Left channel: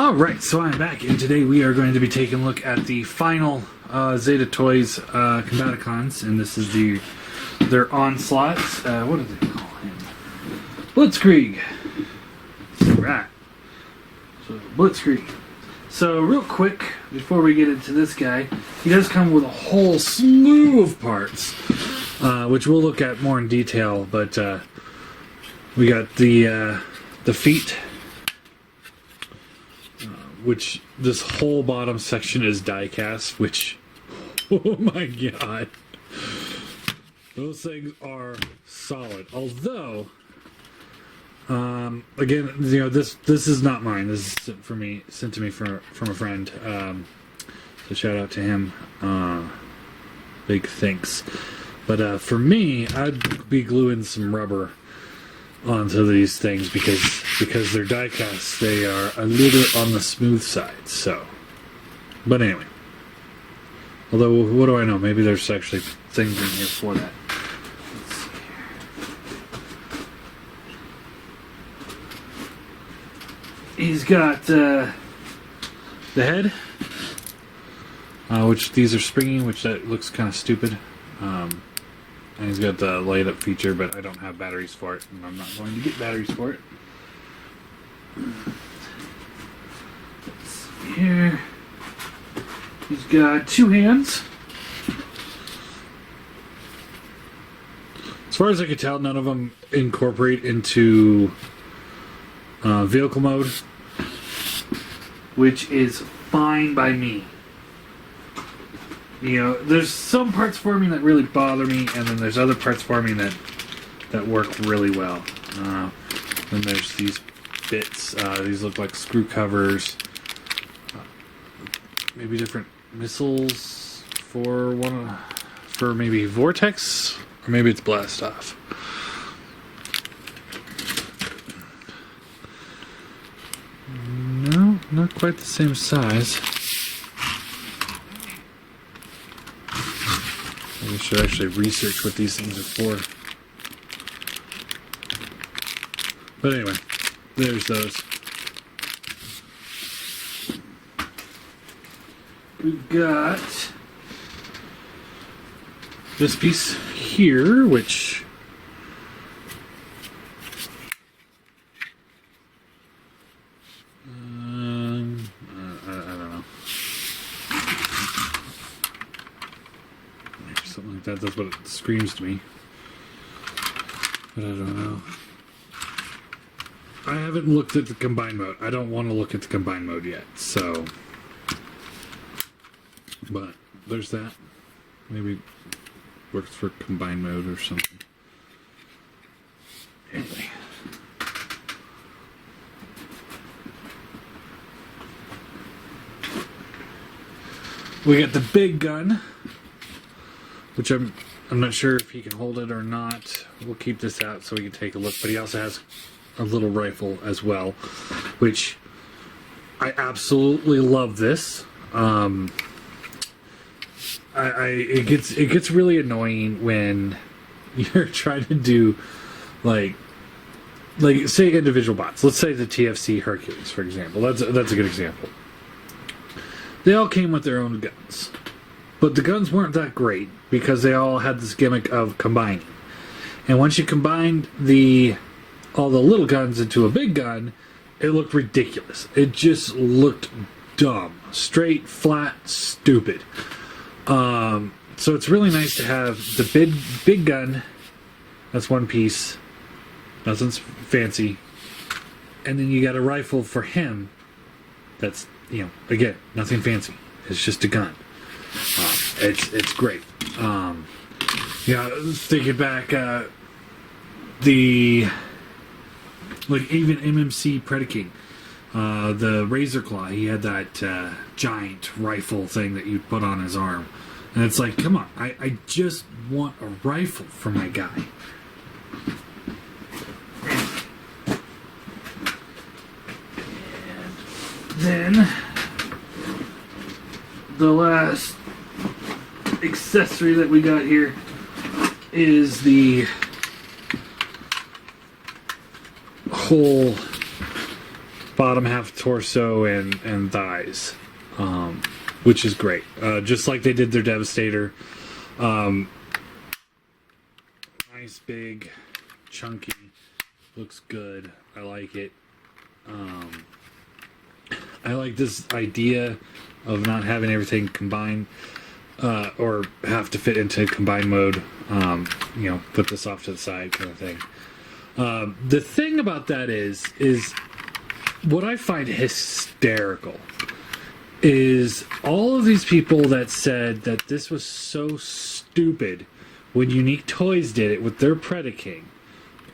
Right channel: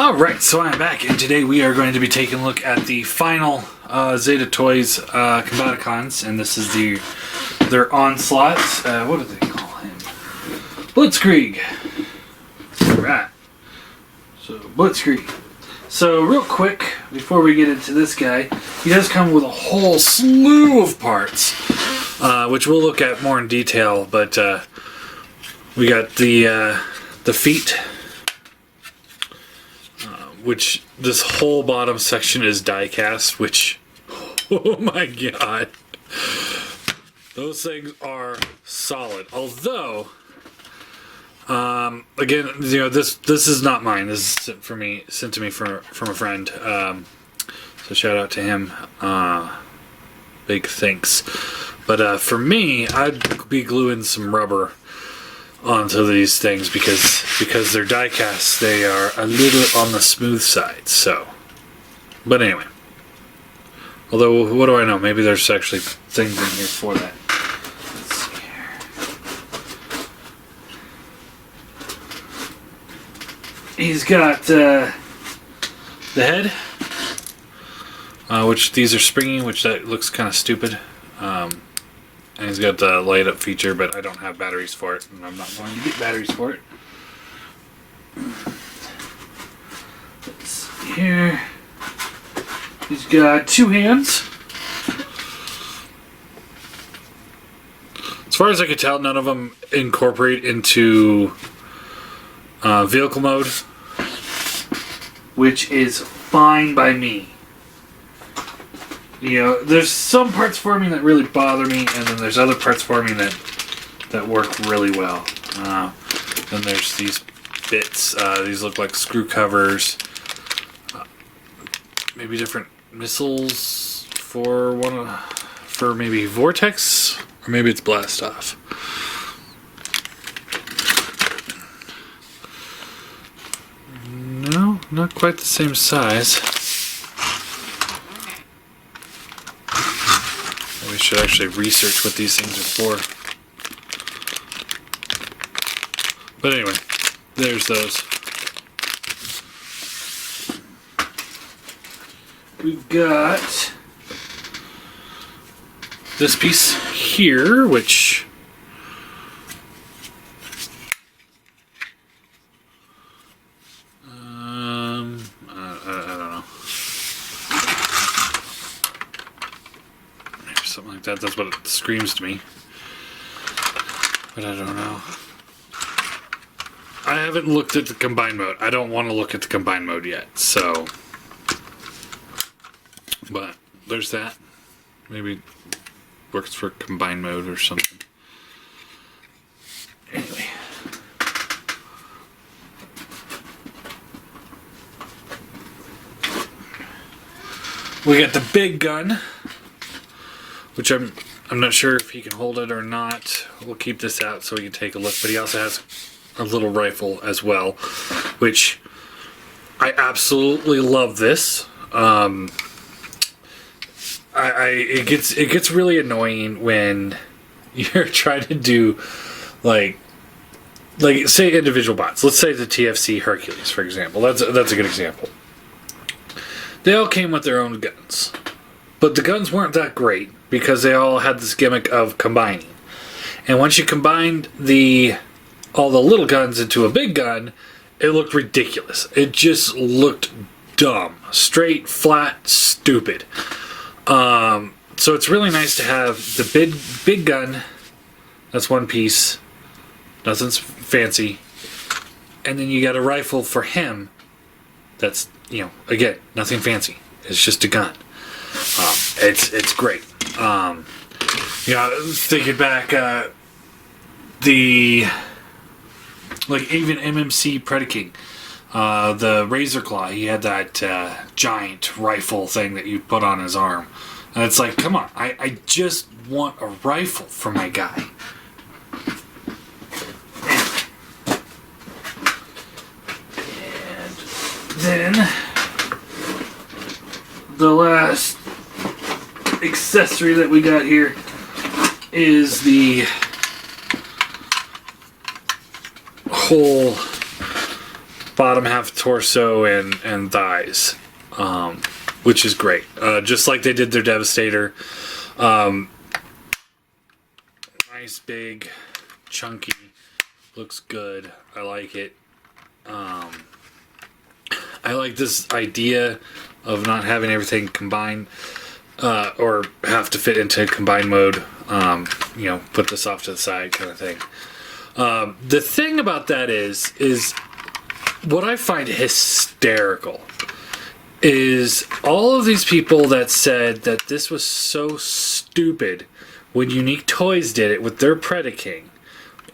Alright, so I'm back, and today we are going to be taking a look at the final Zeta Toys Combaticons, and this is their Onslaught. What do they call him? Blitzkieg. Alright. So, Blitzkieg. So, real quick, before we get into this guy, he does come with a whole slew of parts, which we'll look at more in detail, but we got the feet, which this whole bottom section is die cast, which, oh my god, those things are solid. Although, again, you know, this is not mine. This is sent to me from a friend. So shout out to him. Big thanks. But for me, I'd be gluing some rubber onto these things because they're die cast. They are a little on the smooth side. So, but anyway. Although, what do I know? Maybe there's actually things in here for that. Let's see here. He's got the head, which these are springy, which that looks kind of stupid. And he's got the light up feature, but I don't have batteries for it, and I'm not going to get batteries for it. Let's see here. He's got two hands. As far as I can tell, none of them incorporate into vehicle mode, which is fine by me. You know, there's some parts for me that really bother me, and then there's other parts for me that work really well. Then there's these bits. These look like screw covers. Maybe different missiles for maybe Vortex, or maybe it's Blast Off. No, not quite the same size. We should actually research what these things are for. But anyway, there's those. We've got this piece here, which something like that. That's what it screams to me. But I don't know. I haven't looked at the combined mode. I don't want to look at the combined mode yet, so. But there's that. Maybe works for combined mode or something. Anyway. We got the big gun, which I'm not sure if he can hold it or not. We'll keep this out so we can take a look. But he also has a little rifle as well, which I absolutely love. This. It gets really annoying when you're trying to do like say individual bots. Let's say the TFC Hercules, for example. That's a good example. They all came with their own guns. But the guns weren't that great because they all had this gimmick of combining. And once you combined all the little guns into a big gun, it looked ridiculous. It just looked dumb. Straight, flat, stupid. So it's really nice to have the big gun. That's one piece. Nothing's fancy. And then you got a rifle for him. That's, you know, again, nothing fancy. It's just a gun. It's great. Yeah, thinking back, even MMC Predaking, the Razor Claw, he had that giant rifle thing that you put on his arm. And it's like, come on, I just want a rifle for my guy. And then the last accessory that we got here is the whole bottom half torso and thighs, which is great. Just like they did their Devastator. Nice, big, chunky, looks good. I like it. I like this idea of not having everything combined, or have to fit into combined mode. Put this off to the side kind of thing. The thing about that is what I find hysterical is all of these people that said that this was so stupid when Unique Toys did it with their Predaking.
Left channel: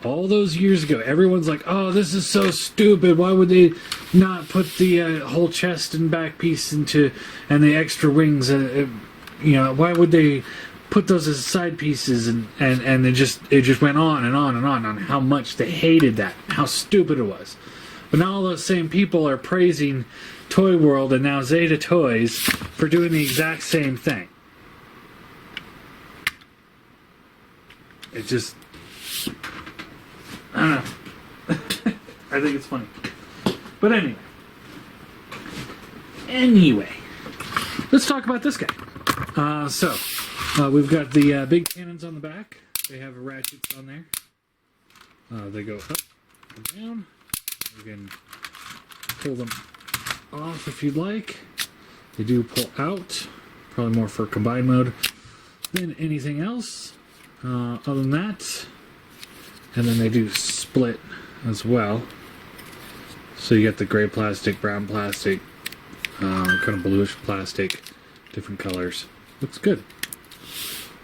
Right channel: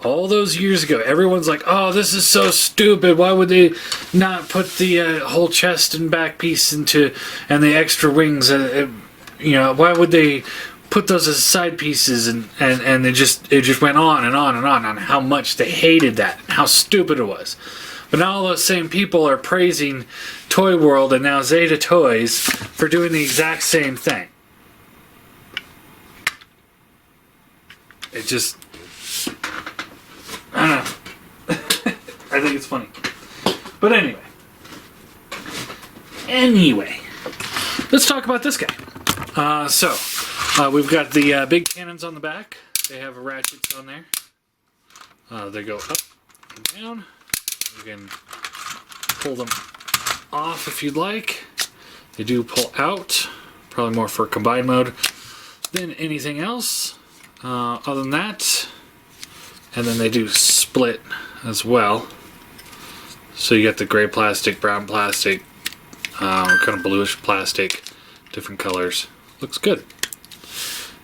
All those years ago, everyone's like, oh, this is so stupid. Why would they not put the whole chest and back piece and the extra wings? Why would they put those as side pieces? And it just went on and on and on how much they hated that, how stupid it was. But now all those same people are praising Toy World and now Zeta Toys for doing the exact same thing. It just... I don't know. I think it's funny. But anyway, let's talk about this guy. We've got the big cannons on the back. They have ratchets on there. They go up and down. You can pull them off if you'd like. They do pull out, probably more for combined mode than anything else. Other than that, and then they do split as well. So you get the gray plastic, brown plastic, kind of bluish plastic, different colors. Looks good.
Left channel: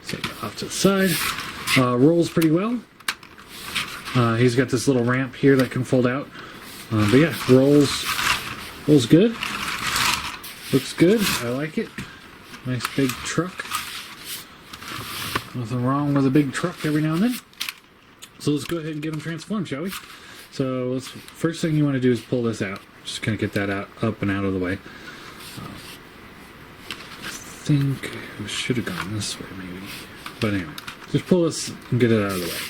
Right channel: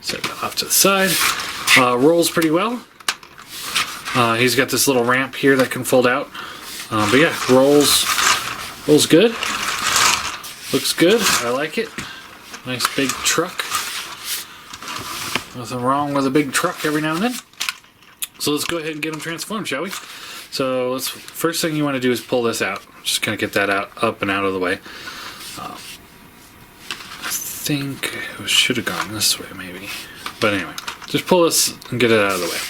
Set that off to the side. Rolls pretty well. He's got this little ramp here that can fold out. But yeah, rolls good. Looks good. I like it. Nice big truck. Nothing wrong with a big truck every now and then. So let's go ahead and get them transformed, shall we? So first thing you want to do is pull this out. Just kind of get that up and out of the way. I think it should have gone this way maybe. But anyway, just pull this and get it out of the way.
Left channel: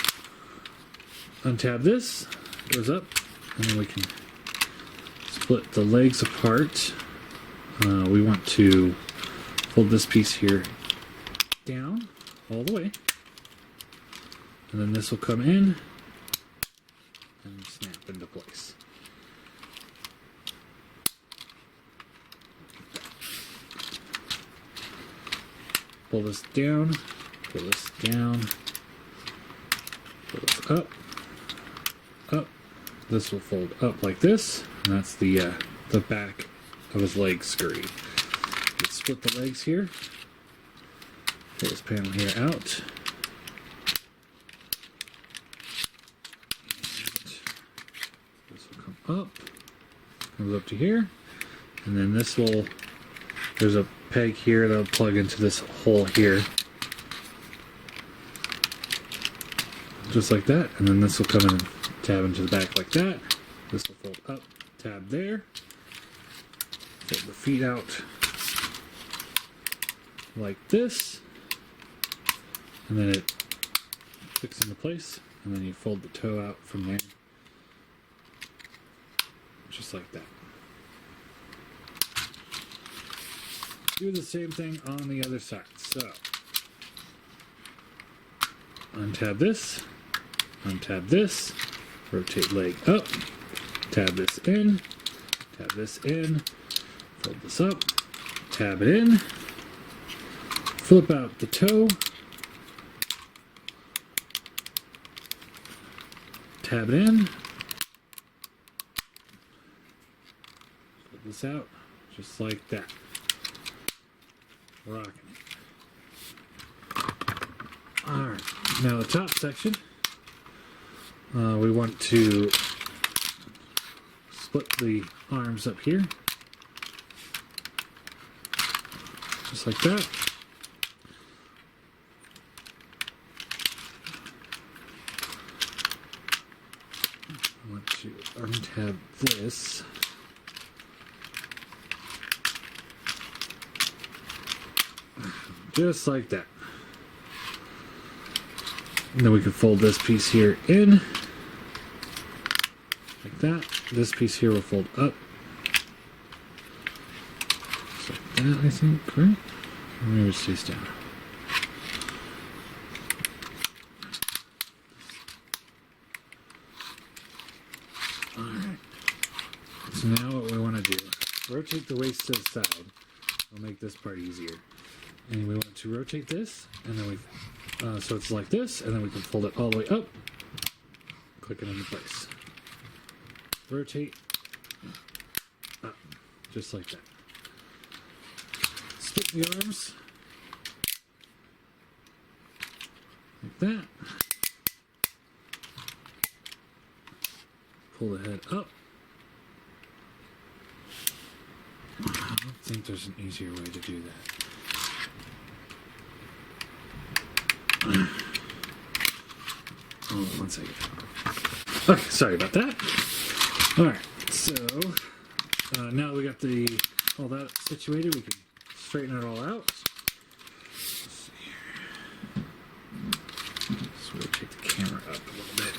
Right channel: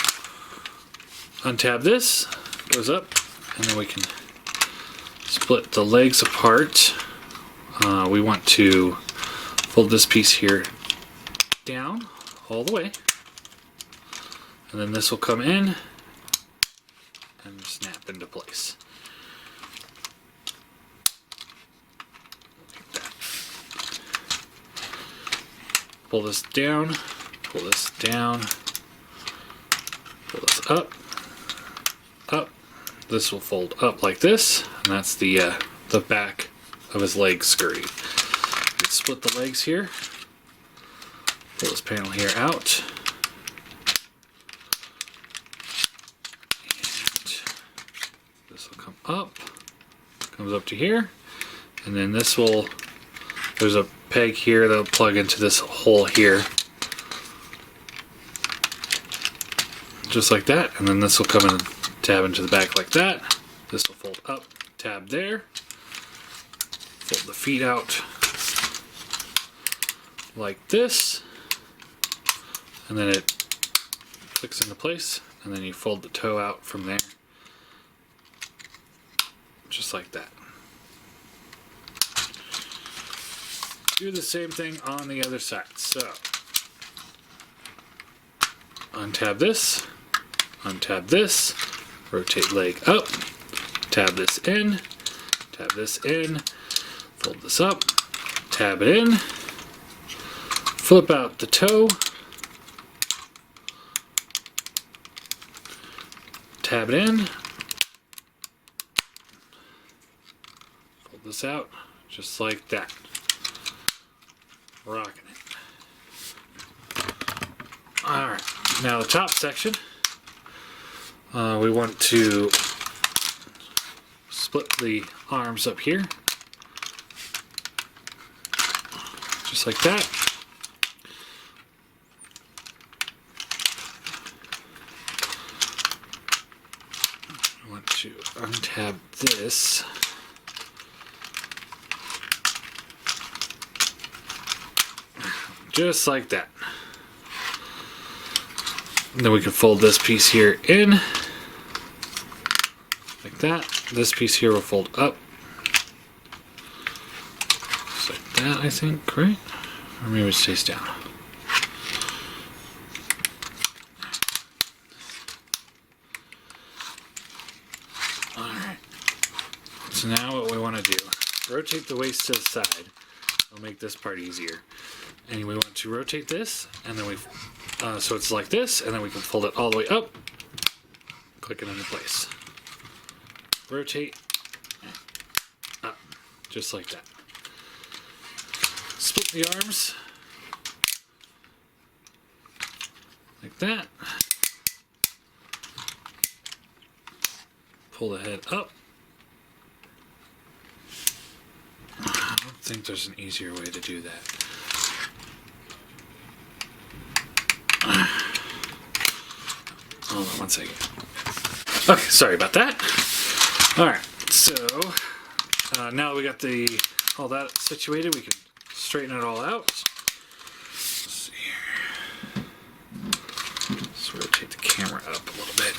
Untab this, goes up, and then we can split the legs apart. We want to fold this piece here down all the way. And then this will come in and snap into place. Pull this down, pull this down, pull this up, up. This will fold up like this, and that's the back of his leg scurry. You split the legs here, pull this panel here out. Up, comes up to here, and then there's a peg here that'll plug into this hole here, just like that, and then this will come in and tab into the back like that. This will fold up, tab there, fold the feet out like this, and then it clicks into place, and then you fold the toe out from there. Just like that. Do the same thing on the other side. So, untab this, rotate leg up, tab this in, fold this up, tab it in, flip out the toe, tab it in, this out just like that. Rocking it. Alright, now the top section, we want to split the arms up here just like that. I want to untab this. Just like that. And then we can fold this piece here in, like that. this piece here will fold up. Just like that, I think, right? Or maybe it stays down. Alright. So now what we want to do, rotate the waist to the side. It'll make this part easier. And we want to rotate this, and then so it's like this, and then we can fold it all the way up, click it into place. Rotate, up, just like that. Split the arms, like that. Pull the head up. I don't think there's an easier way to do that. Hold on one second. Okay, sorry about that. Alright, so now we got all that situated, we can straighten it all out. Let's see here. Let's rotate the camera up a little bit.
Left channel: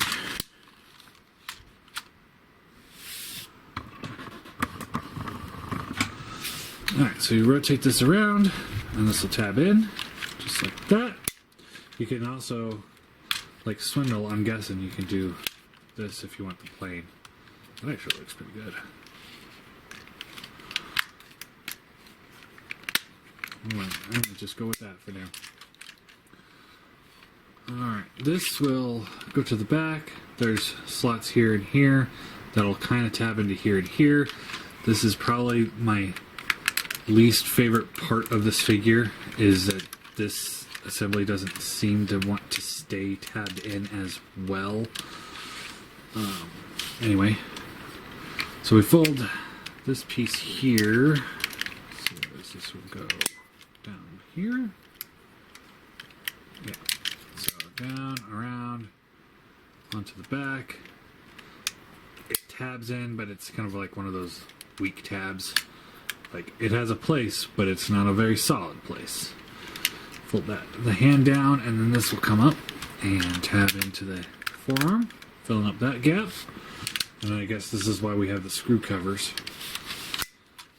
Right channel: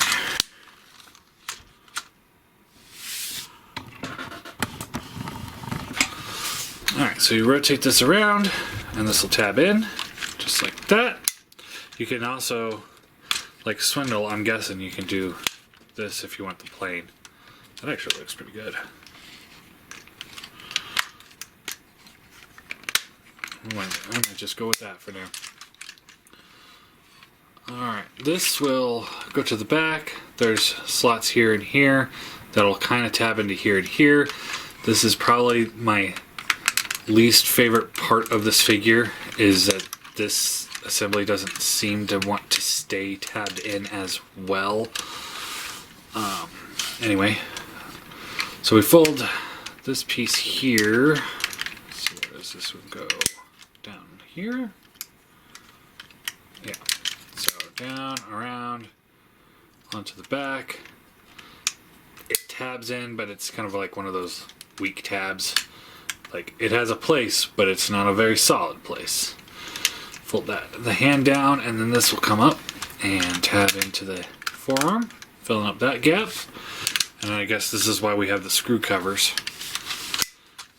Alright, so you rotate this around, and this will tab in, just like that. You can also, like Swindle, I'm guessing you can do this if you want the plane. That actually looks pretty good. I might just go with that for now. Alright, this will go to the back. There's slots here and here that'll kind of tab into here and here. This is probably my least favorite part of this figure, is that this assembly doesn't seem to want to stay tabbed in as well. Anyway, so we fold this piece here. Let's see, where does this one go? Down here? Yeah. So down, around, onto the back. It tabs in, but it's kind of like one of those weak tabs. Like, it has a place, but it's not a very solid place. Fold the hand down, and then this will come up and tab into the forearm, filling up that gap. And I guess this is why we have the screw covers,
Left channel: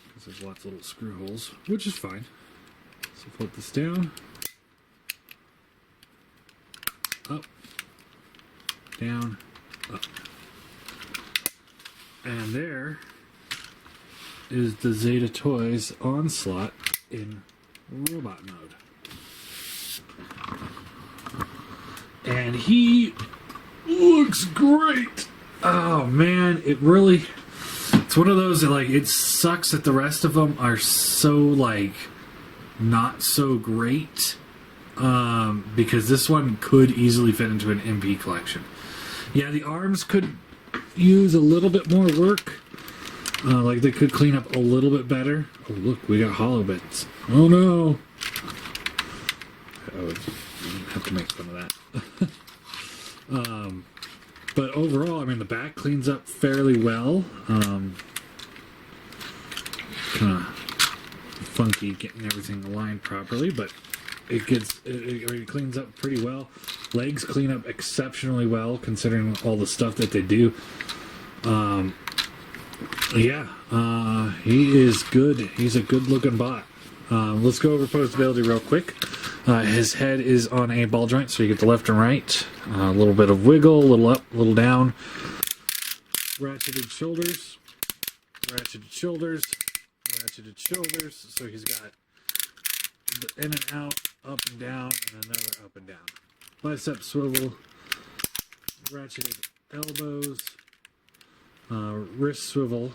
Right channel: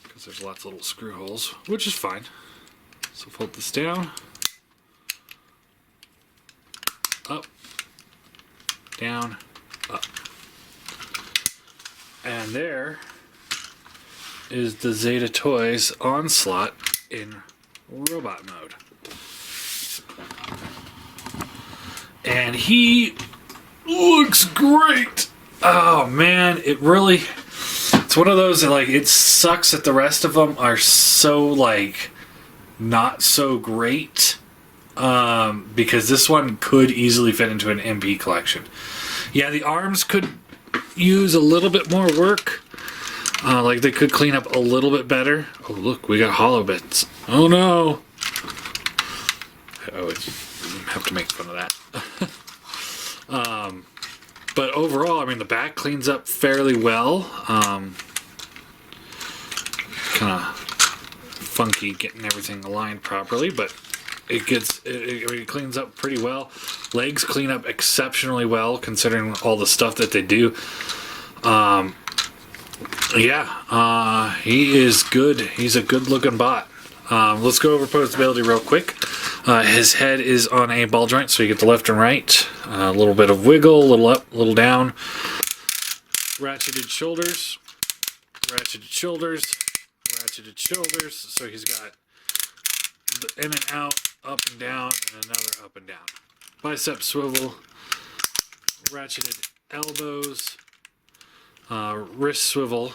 because there's lots of little screw holes, which is fine. So fold this down, up, down, up. And there is the Zeta Toys Onslaught in robot mode. And he looks great. Oh man, it's one of those that, like, it sucks that the rest of them are so, like, not so great. Because this one could easily fit into an MP collection. Yeah, the arms could use a little bit more work. Like, they could clean up a little bit better. Oh, look, we got hollow bits. Oh, no. Oh, I have to make fun of that. But overall, I mean, the back cleans up fairly well. Kind of funky getting everything aligned properly, but it cleans up pretty well. Legs clean up exceptionally well, considering all the stuff that they do. Yeah, he is good. He's a good-looking bot. Let's go over posability real quick. His head is on a ball joint, so you get the left and right. A little bit of wiggle, a little up, a little down. Ratcheted shoulders, ratcheted shoulders, ratcheted shoulders. So he's got the in and out, up and down, and another up and down. Bicep swivel, ratcheted elbows, wrist swivel,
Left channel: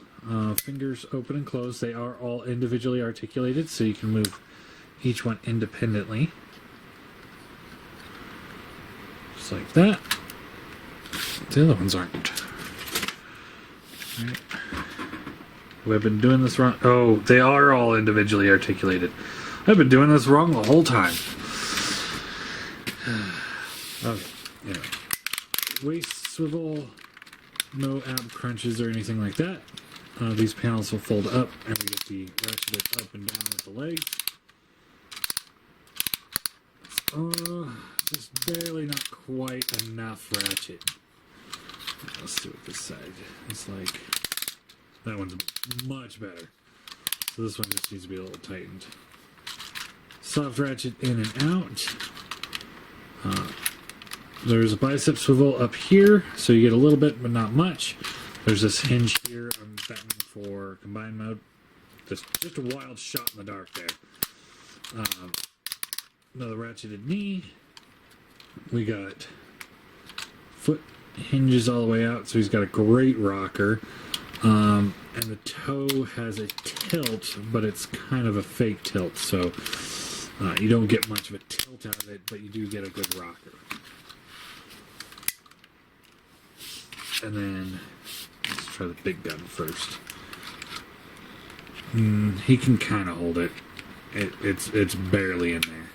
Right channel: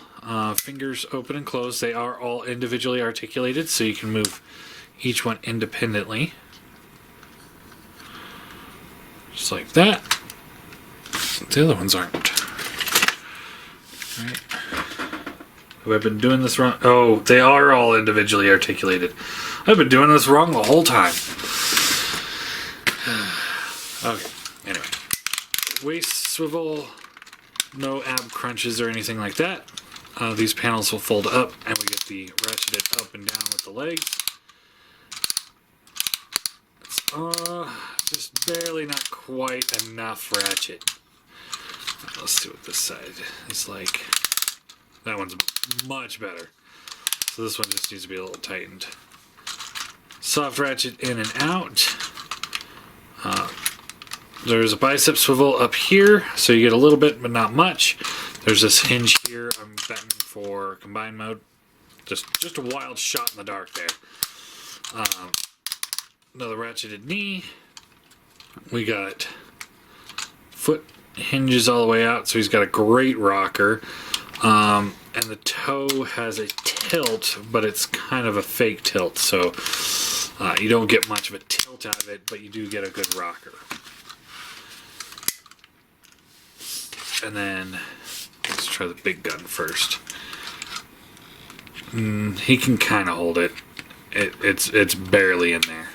fingers open and closed. They are all individually articulated, so you can move each one independently. Just like that. The other ones aren't. Right. Have I been doing this wrong? Oh, they are all individually articulated. I've been doing this wrong the whole time. Okay, anyway. Waist swivel, no ab crunches or anything like that. These panels will fold up, and we get the ratcheted up and down with the legs. Just barely, not quite enough ratchet. Let's see what this side is like. That one's much better. So this one just needs to be a little tightened. Soft ratchet in and out. There's a bicep swivel up here, so you get a little bit, but not much. There's this hinge here. I'm betting for combined mode. Just a wild shot in the dark there. Another ratcheted knee. We got foot hinges all the way out, so he's got a great rocker. And the toe has a tilt, but it's kind of a fake tilt, so you don't get much of a tilt out of it, but you do get a good rocker. And then let's try the big gun first. He can kind of hold it. It's barely in there.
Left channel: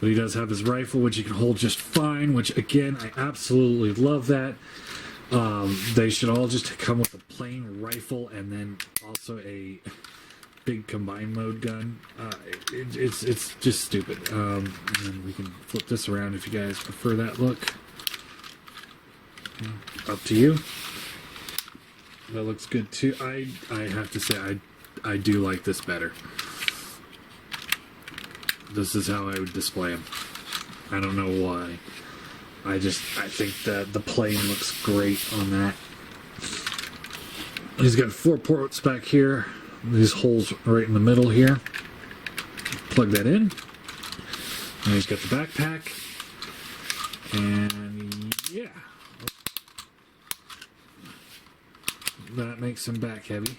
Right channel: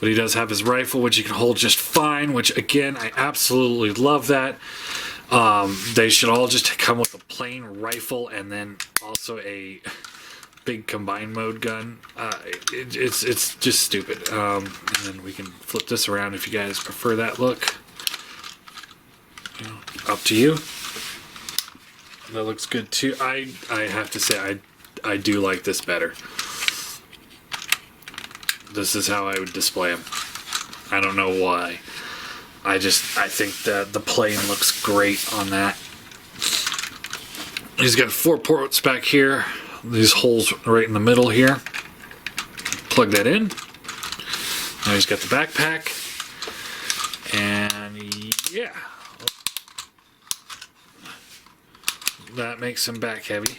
But he does have his rifle, which he can hold just fine, which, again, I absolutely love that. They should all just come with a plain rifle and then also a big combined mode gun. It's just stupid. And then we can flip this around if you guys prefer that look. You know, up to you. That looks good too. I have to say I do like this better. This is how I would display him. I don't know why. I think that the plane looks great on that. He's got 4 ports back here. These holes right in the middle here. Plug that in. Now he's got the backpack. And yeah. That makes him back heavy.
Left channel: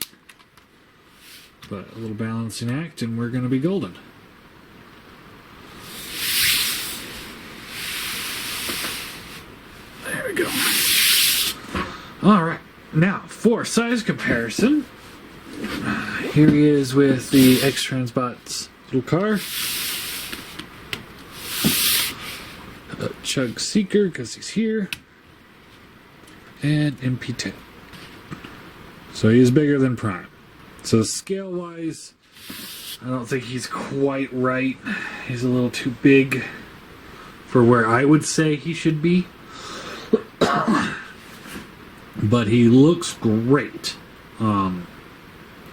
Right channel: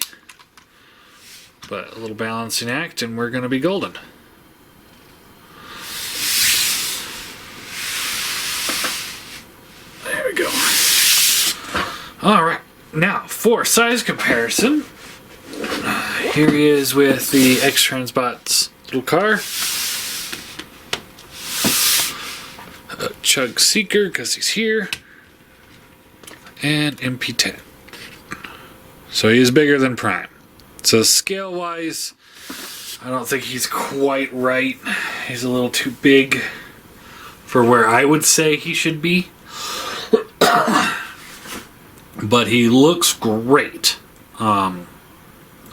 But a little balancing act and we're going to be golden. There we go. Alright, now for size comparison. Here he is with the X-Transbot's little car. Chug Seeker, because he's here. And MP10. So he's bigger than Prime. So scale-wise, I don't think he's quite right. He's a little too big for where I would say he should be. But he looks great.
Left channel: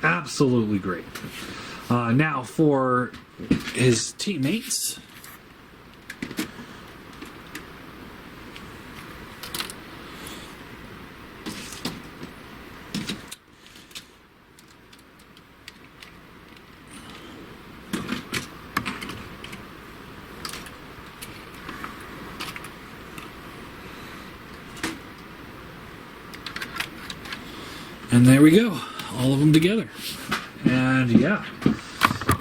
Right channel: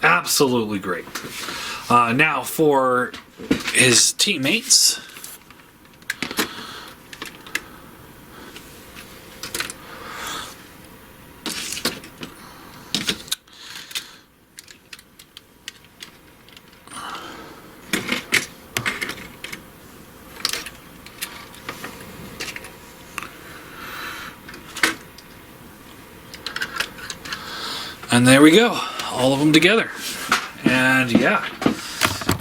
Absolutely great. Now for his teammates. And there we go, all of them together. And yeah,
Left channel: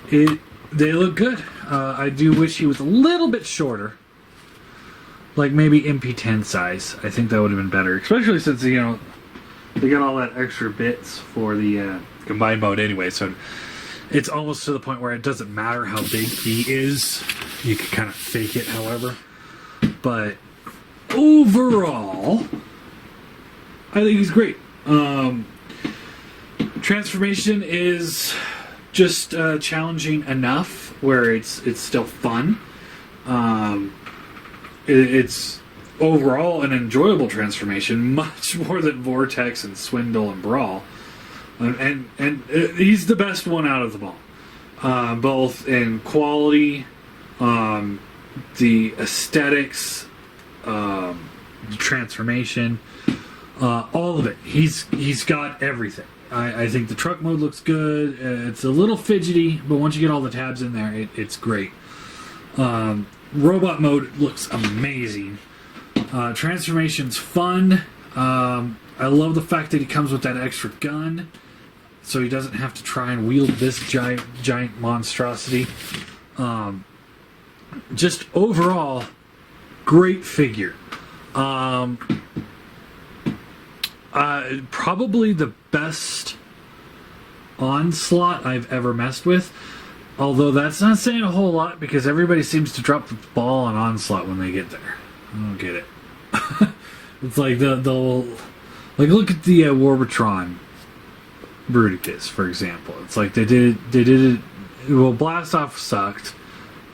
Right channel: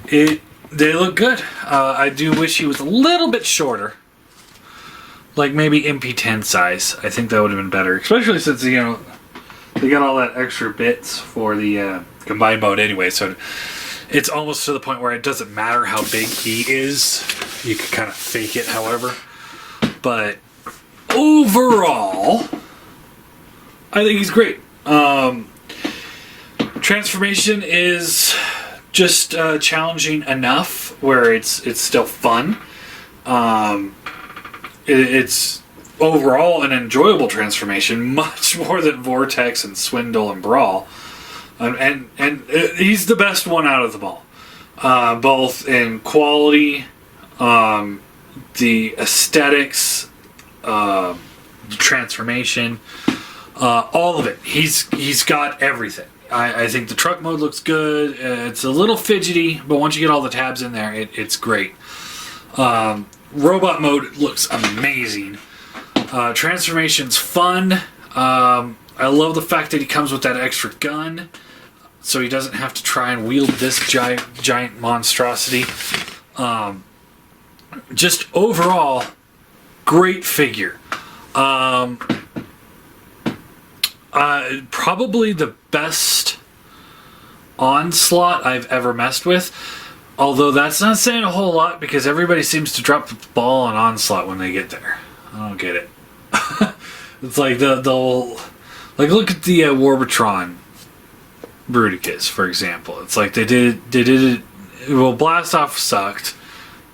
they look good. I do wish he was a little bit shorter, like maybe MP10 size. I think that would have been better, especially since, you know, they got all that extra bits for the combined mode anyway. So it's almost to the point where it doesn't matter how big he is. You can kind of fake it, however. But overall, I think he's great. Transformation is just challenging enough where it's still fun. It's overall an enjoyable transformation, much more than Vortex and Swindle and Brawl. And he's the best one out of them all. Both in quality, the aesthetics, transformation, all of it. He's got everything. I think the truck mode looks good. It's a little fidgety, but once you get all the tabs in there, it's great. Robot mode looks amazing. Transformation's fun. I love the fact that he comes with that extra gun, so he doesn't have to try and wield this giant monstrosity. Just overall, great figure. Probably the best Onslaught I've ever messed with. Although that's not saying a whole lot because everybody seems to drop the ball on Onslaught when they get there. I don't get it. It's like they'll look at the Warbitron Bruticus, for example. It's like they did it. Well, Blast Off sucked.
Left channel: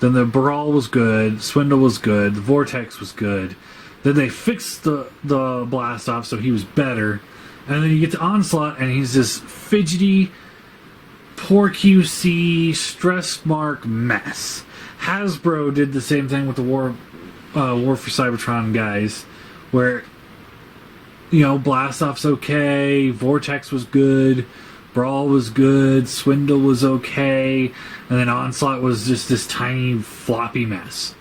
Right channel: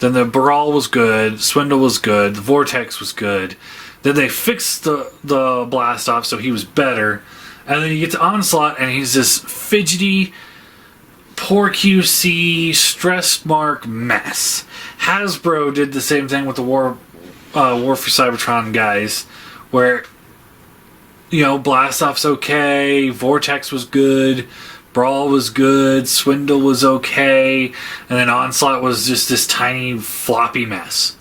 Then the Brawl was good. Swindle was good. The Vortex was good. Then they fixed the Blast Off, so he was better. And then you get to Onslaught, and he's this fidgety, poor QC, stress mark mess. Hasbro did the same thing with the War for Cybertron guys, where, you know, Blastoff's okay, Vortex was good, Brawl was good, Swindle was okay, and then Onslaught was just this tiny floppy mess.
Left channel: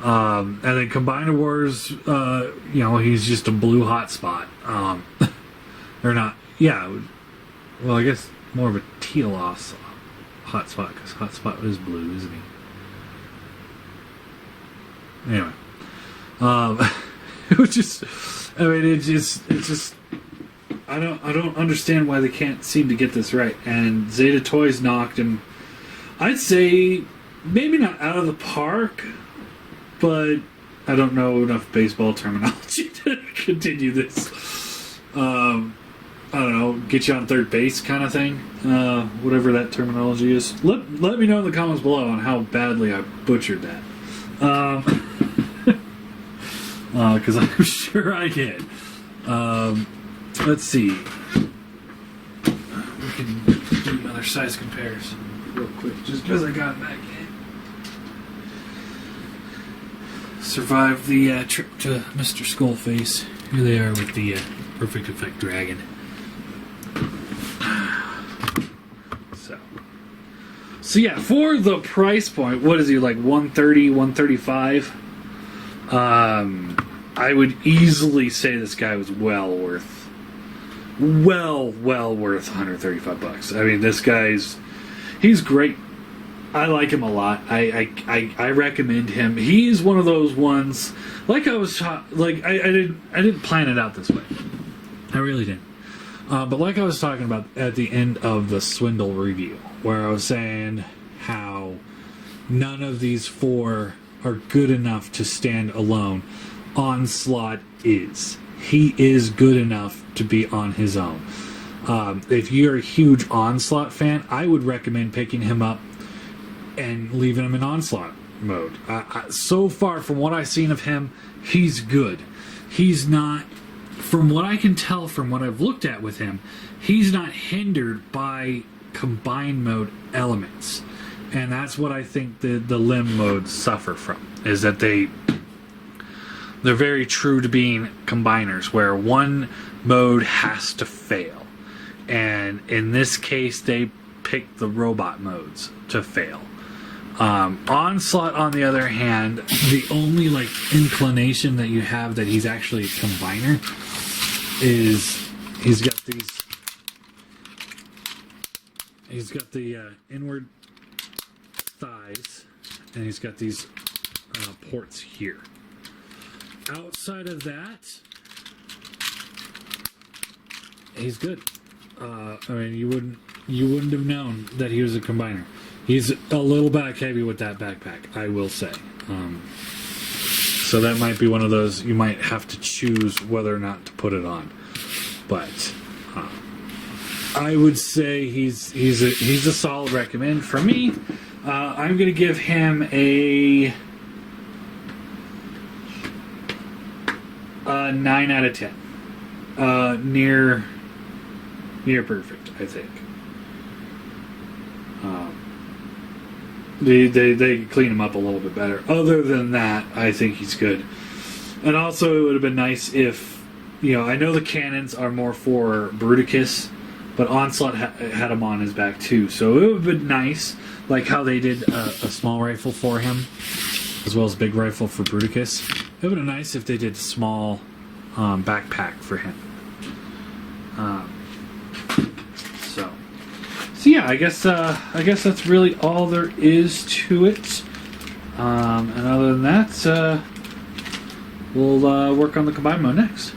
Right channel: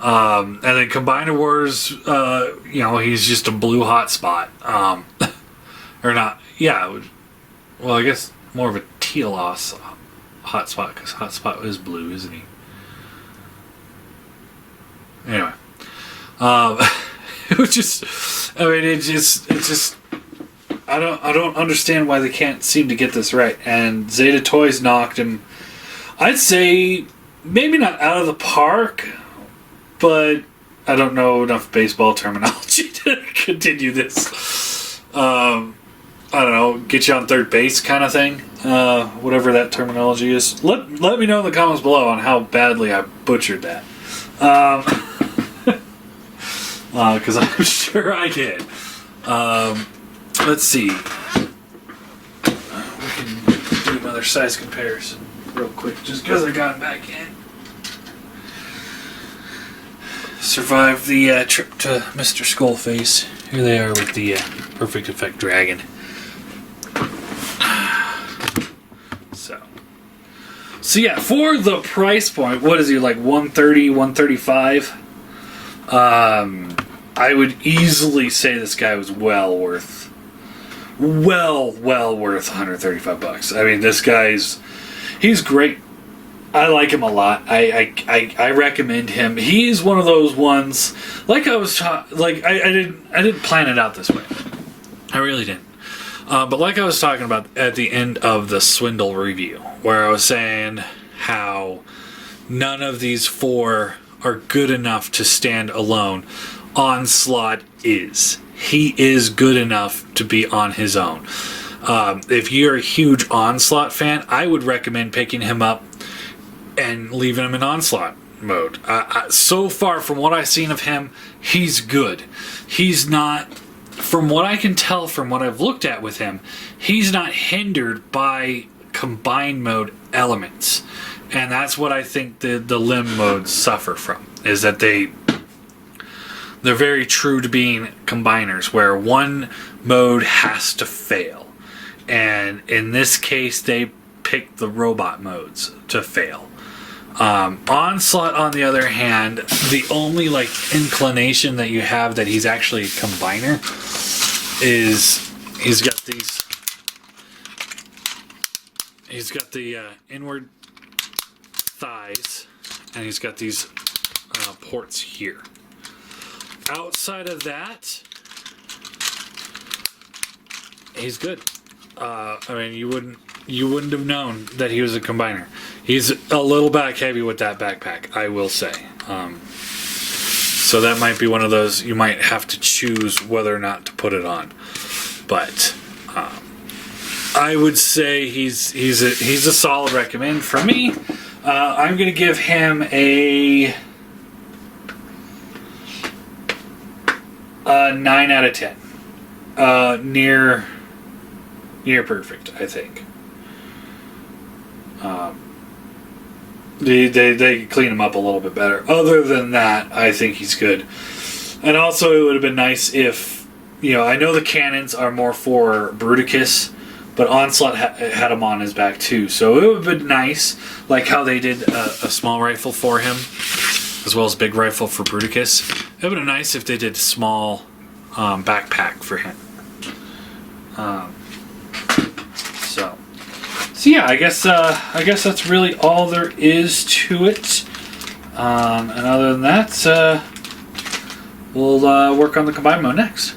And then Combiner Wars, you know, he's just a blue hotspot. Or not, yeah, well, I guess more of a teal hotspot, because hotspot is blue, isn't he? Anyway. It was just, I mean, it's just, I don't understand why they can't seem to get this right. And Zeta Toys knocked him, I'd say, maybe not out of the park, but I don't know enough baseball terminology to continue this. I don't know, get you on third base kind of thing, whatever that terminology is. Let me know in the comments below on how badly I butchered that. Because I'm sure I did. Let's see. We can do another size comparison real quick, just because I got it back in. Survived the trip to Mr. Skullface. Here they are with the Perfect Effect Dragon. So yeah, for the price point, what is he, like 130, 135? I would easily say this guy was well worth $135. I mean, this guy's, he's great. I like him a lot. I recommend him. He's one of those ones, like I was I didn't plan it out this way. I really didn't. But like I was talking about at the end of the Swindle review, where I was saying how none of these four are good enough to stand alone, Onslaught is. He is good enough to be on his own. If you're a huge Onslaught fan, I would recommend picking him up and leaving him in Onslaught mode. So far, from what I've seen of him, he's good. He's not... From what I can tell from what I've looked at with him, he's not hindered by combined mode elements. And that's what I think the limb modes suffer from, is that they're very true to being combiners, where one mode has to fail. And in this case, they picked the robot modes to fail. Onslaught, on the other hand, the only like inclination that you have that he's actually a combiner is he's got the inward thighs, and he's got these ports here. Outside of that, he's good. I mean, you wouldn't have known that he was a combiner. He's a little back heavy with that backpack, I will say. So that might be one of those you might have to choose whether or not to put it on. But I would say he's a solid recommend for me. I'm going to give him a 9 out of 10. Near perfect, I think. They clean him up a little bit better. Other than that, I think he's good. And also, it would have been nice if, you know, I know the cannons are more for Bruticus, but Onslaught had him on his back too. So it would have been nice, like how they did a small rifle for him, as well as big rifle for Bruticus. It would have been nice if they did a small backpack for him. So yeah, I guess that's really all there is to it. And other than that, we'll work on the combined mode next.